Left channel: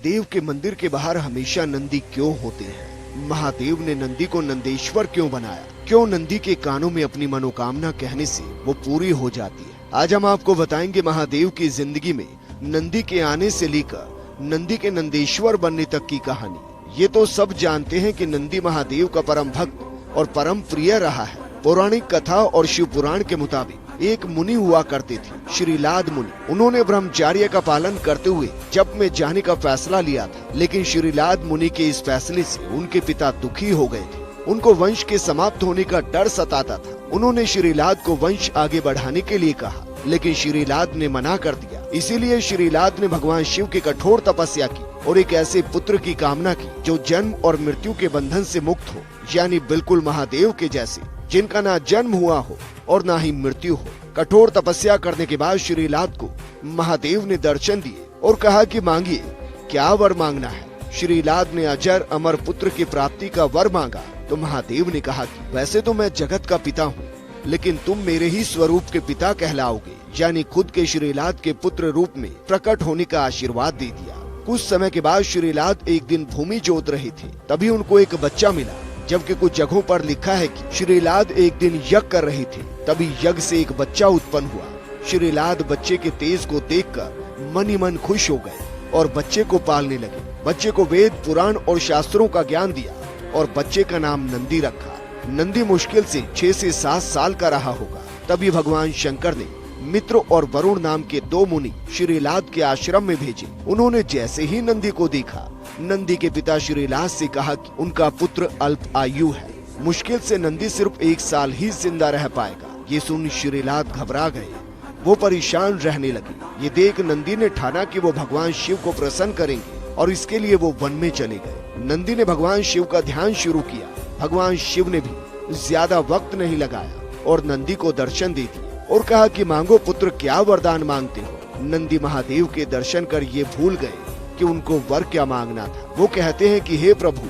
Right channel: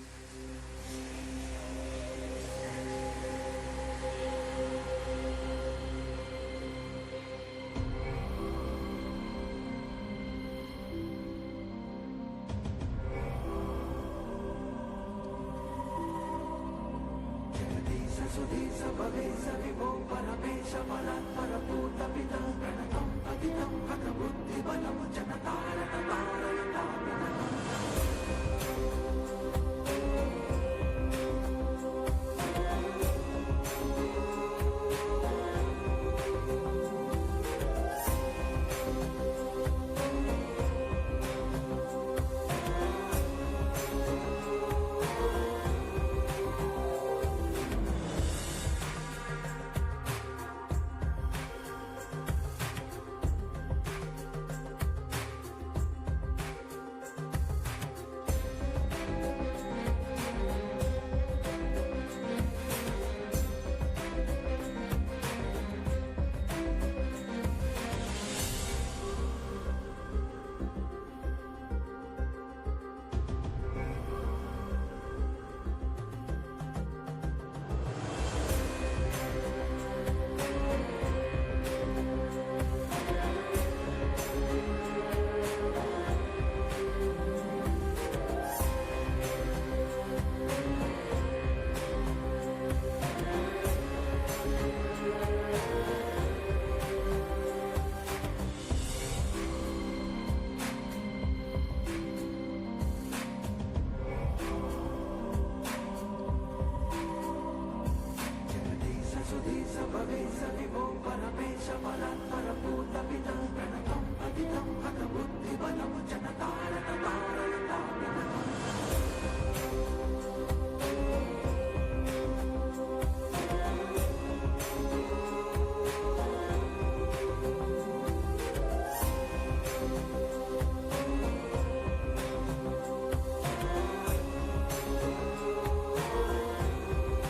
महादेव के मंदिर के बाहर हमेशा नंदी क्यों होते हैं? महादेव ने नंदी को नंदेश्वर क्यों बनाया? क्यों नंदी के कानों में अपनी मनोकामना कहने से वो पूरी हो जाती है? आज हम आपको बताएंगे महादेव की जिंदगी में नंदी के आने से लेकर नंदी के नंदेश्वर बनने तक की कहानी। ये तो सब जानते हैं कि नंदी महादेव का परम भक्त और परम प्रिय रहा है। पौराणिक कथा और शिव पुराण के मुताबिक एक मुनि हुआ करते थे, श्रीलाद मुनि। उन्होंने ब्रह्मचर्य का पालन करते हुए जप में जाने का फैसला लिया था, लेकिन श्रीलाद मुनि के इस फैसले से उनके पिता दुखी हो गए थे। उनको वंश के समाप्त होने का डर सताता था। उन्होंने श्रीलाद को वंश आगे बढ़ाने के लिए कहा, लेकिन श्रीलाद ने मना कर दिया। इसीलिए श्रीलाद ने भगवान शिव की कठोर तपस्या की और एक ऐसे पुत्र की कामना की जो जन्म और मृत्यु के बंधन से मुक्त हो, यानी बिल्कुल महादेव के जैसे, जिनका ना जन्म हुआ हो और ना ही मृत्यु हो। कठोर तपस्या करने के बाद श्रीलाद को महादेव ने दर्शन दिए और कहा कि मांगिए, क्या वर मांगना है? श्रीलाद ने अजर अमर पुत्र की प्राप्ति का वर मांगा तो महादेव ने कहा कि वैसे तो मैं जगत का पिता हूँ, लेकिन तुम मेरे ही स्वरूप के पिता कहलाओगे, यानी खुद के श्रीलाद के पुत्र रूप में प्रकट होने का आशीर्वाद दे दिया। कुछ समय के बाद श्रीलाद एक दिन भूमि जोत रहे थे, तभी उनको एक बच्चा मिला। जबकि कुछ जगहों पर लिखा है कि श्रीलाद एक दिन यज्ञ कर रहे थे, तभी यज्ञ से एक बच्चा उत्पन्न हुआ। श्रीलाद बच्चे के तेज को देखकर मन ही मन खुश हो गए और बच्चे को पालने लगे। बच्चे को वेद पुराण और शास्त्रों का ज्ञान दिया और बच्चे का नाम नंदी रखा। नंदी मुश्किल से 6 से 7 साल का रहा होगा। तभी भगवान शंकर ने मित्र और वरुण नाम के 2 मुनि श्रीलाद के आश्रम में भेजे। उन्होंने जैसे ही नंदी को देखा, नंदी के पिता श्रीलाद से कहा कि उनका पुत्र अल्प आयु है, मुश्किल से नंदी सिर्फ 1 साल ही जिंदा रह पाएगा। ये सुन श्रीलाद घबरा गए, वो परेशान रहने लगे। ये देख नंदी ने ठाना कि वो भगवान शिव को प्रसन्न करेंगे और इसके लिए वो वन में चले गए। नंदी ने भगवान शिव का ध्यान शुरू किया। भगवान शिव ने भी ज्यादा वक्त नहीं लगाया और नंदी को दर्शन दे दिए और कहा कि मांगो पुत्र, क्या वरदान मांगते हो? नंदी महादेव के दर्शन कर ये भूल गए कि उनको वर क्या मांगना था। वो कहते हैं कि हे प्रभु,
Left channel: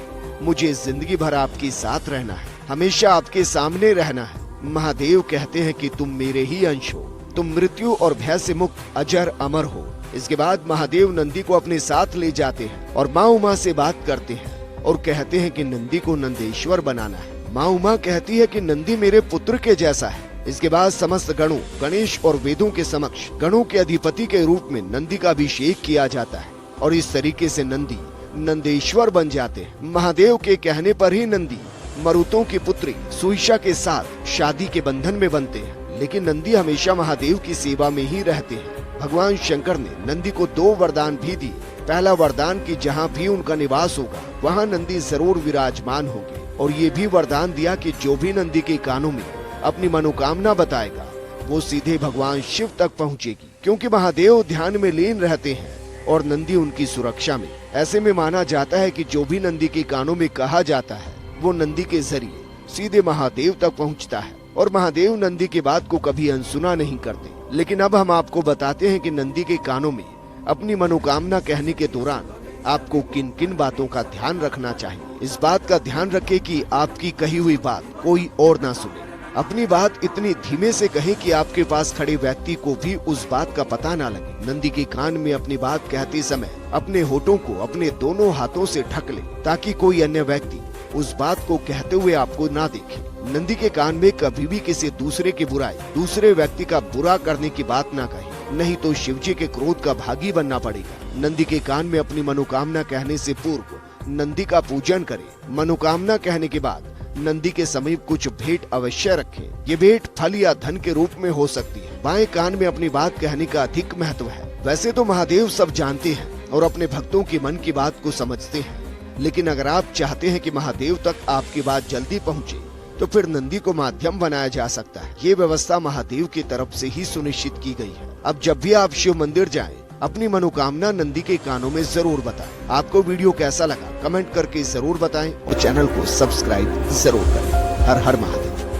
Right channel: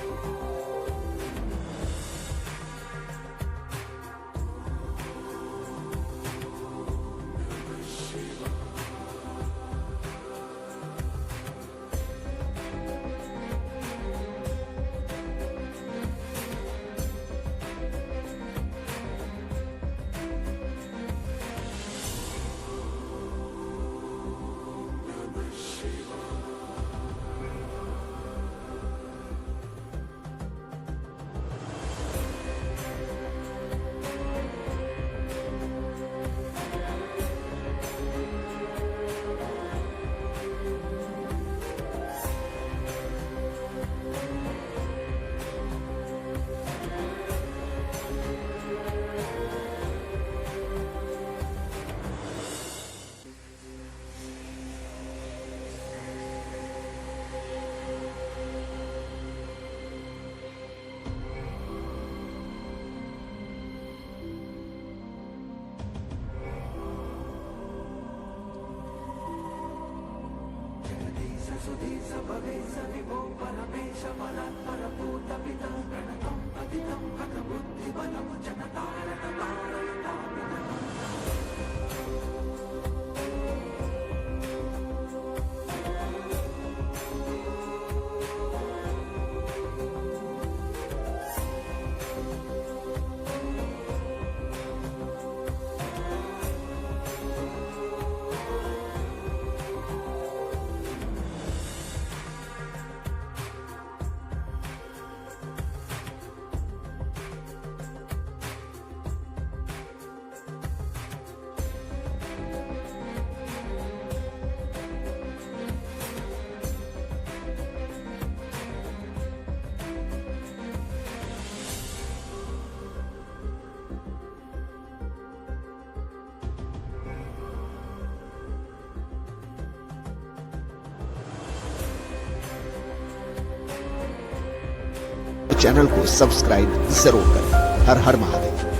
मुझे जिंदगी भर आपके साथ रहना है, हमेशा आपके सामने रहना है। महादेव कहते हैं कि तुम मेरे ही अंश हो, तुम मृत्यु और भय से मुक्त अजर अमर हो। इसके बाद महादेव नंदी को अपने साथ ले जाते हैं और माँ उमा से बात करते हैं और कहते हैं कि नंदी को नंदेश्वर बनाना है। माँ उमा कहती है कि नंदी मेरे पुत्र के जैसा है। इसके बाद समस्त गणों, गणेश और वेदों के समक्ष गणों के अधिपति के रूप में नंदी का अभिषेक किया जाता है और इस तरीके से नंदी नंदेश्वर बन जाते हैं। महादेव के कहने पर ही नंदी मरुतों की पुत्री सुईषा के साथ शादी के बंधन में बनते हैं, लेकिन नंदी हमेशा महादेव की सेवा में ही रहते हैं। भगवान शंकर ने नंदी को 2 वरदान भी दिए। पहला वरदान कि जहाँ भी उनका निवास होगा वहाँ नंदी जरूर विराजमान होगी, और ये भी वरदान दिया कि जो भी नंदी के कानों में अपनी मनोकामना बताएगा वो सीधे भगवान शिव तक पहुँचेगी, क्योंकि महादेव ध्यान में लीन रहते हैं और नंदी उनकी सुरक्षा में। ऐसे में माना जाता है कि जो भी नंदी के कानों में कहा जाता है वो नंदी के जरिए सीधे महादेव तक पहुंचता है, और महादेव नंदी की बात को कभी अनसुना नहीं करते। लेकिन अब हम आपको बताते हैं कि नंदी के कानों में अपनी मनोकामना कहने के दौरान आपको किन किन बातों का ध्यान रखना चाहिए। इस बात का ध्यान रखें कि आपकी कही हुई बात कोई और ना सुने। अपनी बात इतनी धीमे से कहें कि आपके पास खड़े व्यक्ति को भी उस बात का पता ना लगे। नंदी के कान में अपनी बात कहते समय अपने होठों को अपने दोनों हाथों से ढक ले, ताकि कोई अन्य व्यक्ति उस बात को कहते हुए आपको ना देखे। नंदी के कान में कभी भी किसी दूसरे की बुराई, दूसरे व्यक्ति का बुरा करने की बात ना कहे, नहीं तो शिवजी के क्रोध का भागी बनना पड़ेगा। नंदी के कान में अपनी मनोकामना कहने से पूर्व नंदी का पूजन करें। मनोकामना कहने के बाद नंदी के समीप कुछ भेंट अवश्य रखें। ये भेंट फल या धन के रूप में हो सकती है। बाएं कान में अपनी बात कहने का अधिक महत्व है। वैसे तो महादेव सब जानते हैं और अपने भक्तों के मन की बात को समझते हैं, लेकिन अगर आप चाहते हैं कि महादेव तक आपकी बात जल्दी पहुंचे, तो फिर नंदी को माध्यम बनाया जा सकता है। ये व्यवस्था महादेव की तरफ से ही सुनिश्चित की गई है। अब जब भी आप शिव मंदिर जाएं, अपनी मनोकामना नंदी के कानों में जरूर बताएं। आपको वीडियो कैसा लगा कमेंट करके जरूर बताएं और चैनल को सब्सक्राइब जरूर करें। हर हर महादेव।